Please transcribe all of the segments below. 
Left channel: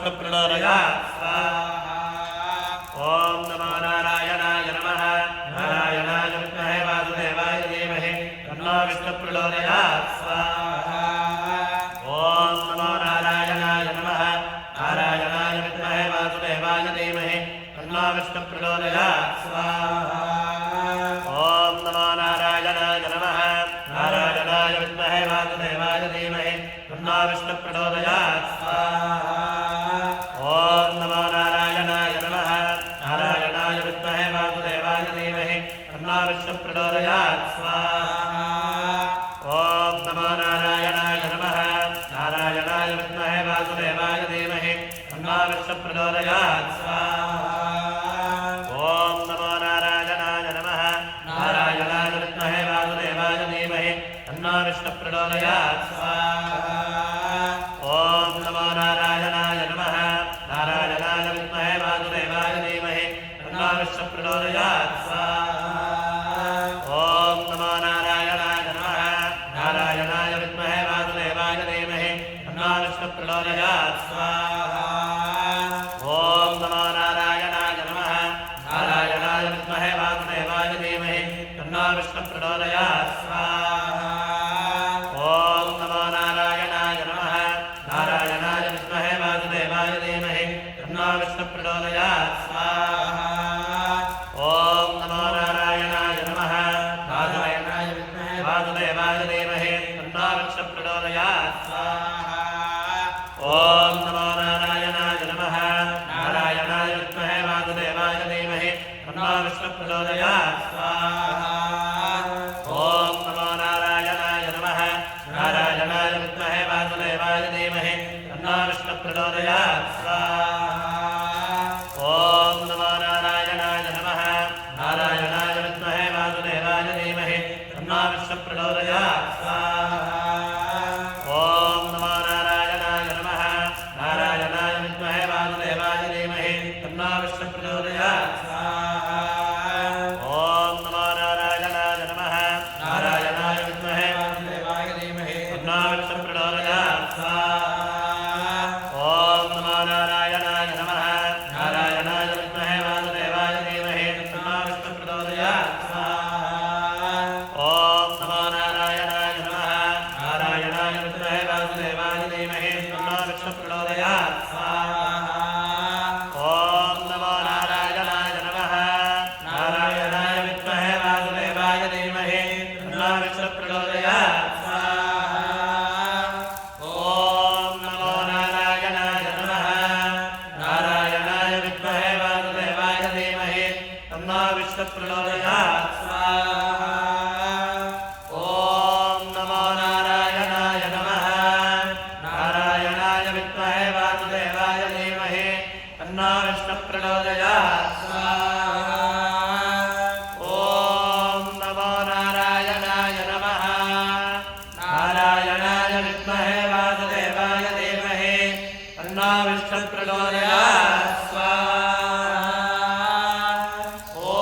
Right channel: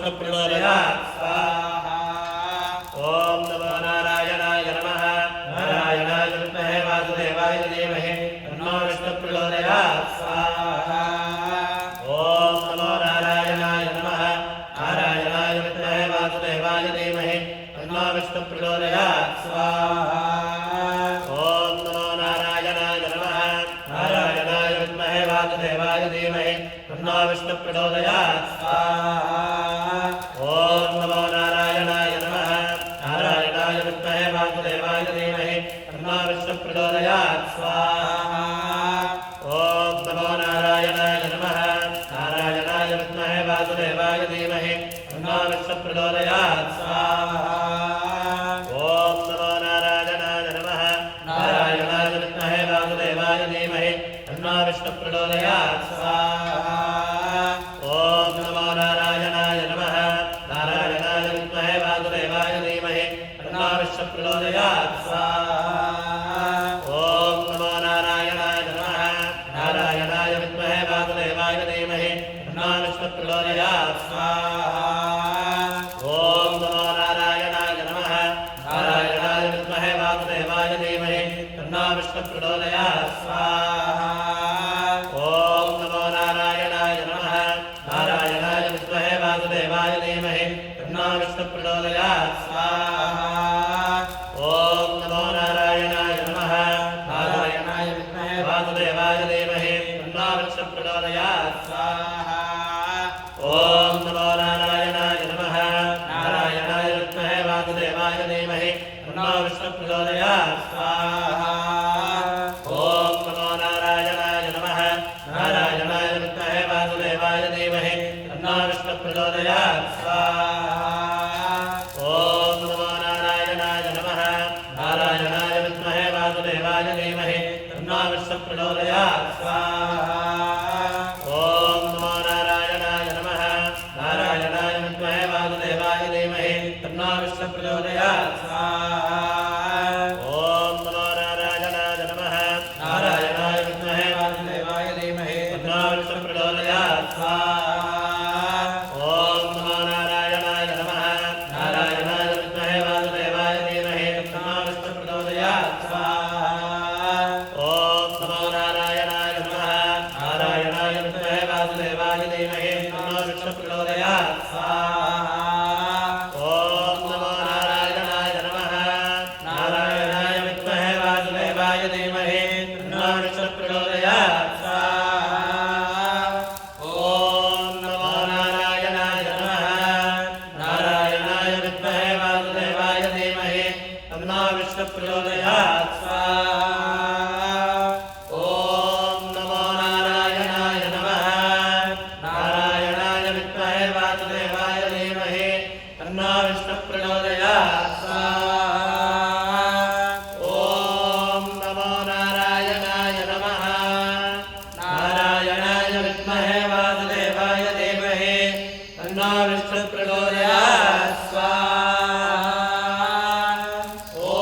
विष्णुप्रचोदयात् स्वाहा ॐ नमो नारायणाय नमः नारायणाय विद्महे वासुदेवाय धीमहि तन्नो विष्णुप्रचोदयात् स्वाहा ॐ नमो नारायणाय नमः नारायणाय विद्महे वासुदेवाय धीमहि तन्नो विष्णुप्रचोदयात् स्वाहा ॐ नमो नारायणाय नमः नारायणाय विद्महे वासुदेवाय धीमहि तन्नो विष्णुप्रचोदयात् स्वाहा ॐ नमो नारायणाय नमः नारायणाय विद्महे वासुदेवाय धीमहि तन्नो विष्णुप्रचोदयात् स्वाहा ॐ नमो नारायणाय नमः नारायणाय विद्महे वासुदेवाय धीमहि तन्नो विष्णुप्रचोदयात् स्वाहा ॐ नमो नारायणाय नमः नारायणाय विद्महे वासुदेवाय धीमहि तन्नो विष्णुप्रचोदयात् स्वाहा ॐ नमो नारायणाय नमः नारायणाय विद्महे वासुदेवाय धीमहि तन्नो विष्णुप्रचोदयात् स्वाहा ॐ नमो नारायणाय नमः नारायणाय विद्महे वासुदेवाय धीमहि तन्नो विष्णुप्रचोदयात् स्वाहा ॐ नमो नारायणाय नमः नारायणाय विद्महे वासुदेवाय धीमहि तन्नो विष्णुप्रचोदयात् स्वाहा ॐ नमो नारायणाय नमः नारायणाय विद्महे वासुदेवाय धीमहि तन्नो विष्णुप्रचोदयात् स्वाहा ॐ नमो नारायणाय नमः नारायणाय विद्महे वासुदेवाय धीमहि तन्नो विष्णुप्रचोदयात् स्वाहा ॐ नमो नारायणाय नमः नारायणाय विद्महे वासुदेवाय धीमहि तन्नो विष्णुप्रचोदयात् स्वाहा ॐ नमो नारायणाय नमः नारायणाय विद्महे वासुदेवाय धीमहि तन्नो विष्णुप्रचोदयात् स्वाहा ॐ नमो नारायणाय नमः नारायणाय विद्महे वासुदेवाय धीमहि तन्नो विष्णुप्रचोदयात् स्वाहा ॐ नमो नारायणाय नमः नारायणाय विद्महे वासुदेवाय धीमहि तन्नो विष्णुप्रचोदयात् स्वाहा ॐ नमो नारायणाय नमः नारायणाय विद्महे वासुदेवाय धीमहि तन्नो विष्णुप्रचोदयात् स्वाहा ॐ नमो नारायणाय नमः नारायणाय विद्महे वासुदेवाय धीमहि तन्नो विष्णुप्रचोदयात् स्वाहा ॐ नमो नारायणाय नमः नारायणाय विद्महे वासुदेवाय धीमहि तन्नो विष्णुप्रचोदयात् स्वाहा ॐ नमो नारायणाय नमः नारायणाय विद्महे वासुदेवाय धीमहि तन्नो विष्णुप्रचोदयात् स्वाहा ॐ नमो नारायणाय नमः नारायणाय विद्महे वासुदेवाय धीमहि तन्नो विष्णुप्रचोदयात् स्वाहा ॐ नमो नारायणाय नमः नारायणाय विद्महे वासुदेवाय धीमहि तन्नो विष्णुप्रचोदयात् स्वाहा ॐ नमो नारायणाय नमः नारायणाय विद्महे वासुदेवाय धीमहि तन्नो विष्णुप्रचोदयात् स्वाहा ॐ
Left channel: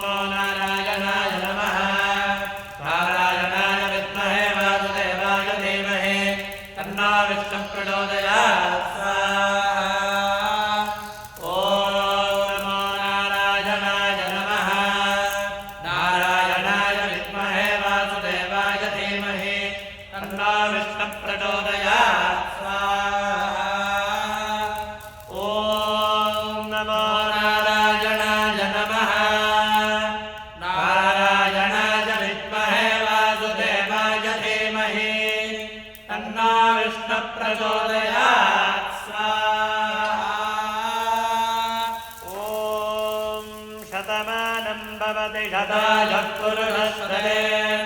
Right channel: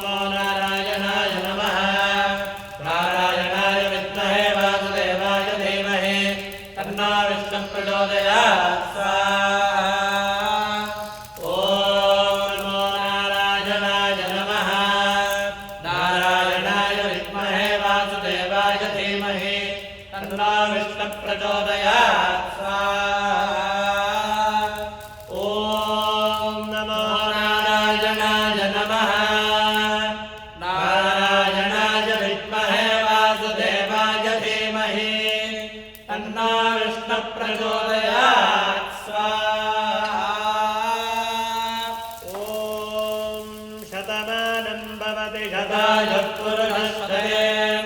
नमो नारायणाय नमः नारायणाय विद्महे वासुदेवाय धीमहि तन्नो विष्णुप्रचोदयात् स्वाहा ॐ नमो नारायणाय नमः नारायणाय विद्महे वासुदेवाय धीमहि तन्नो विष्णुप्रचोदयात् स्वाहा ॐ नमो नारायणाय नमः नारायणाय विद्महे वासुदेवाय धीमहि तन्नो विष्णुप्रचोदयात् स्वाहा ॐ शतमानं भवति शताय पुरुषस्तेन्द्रिये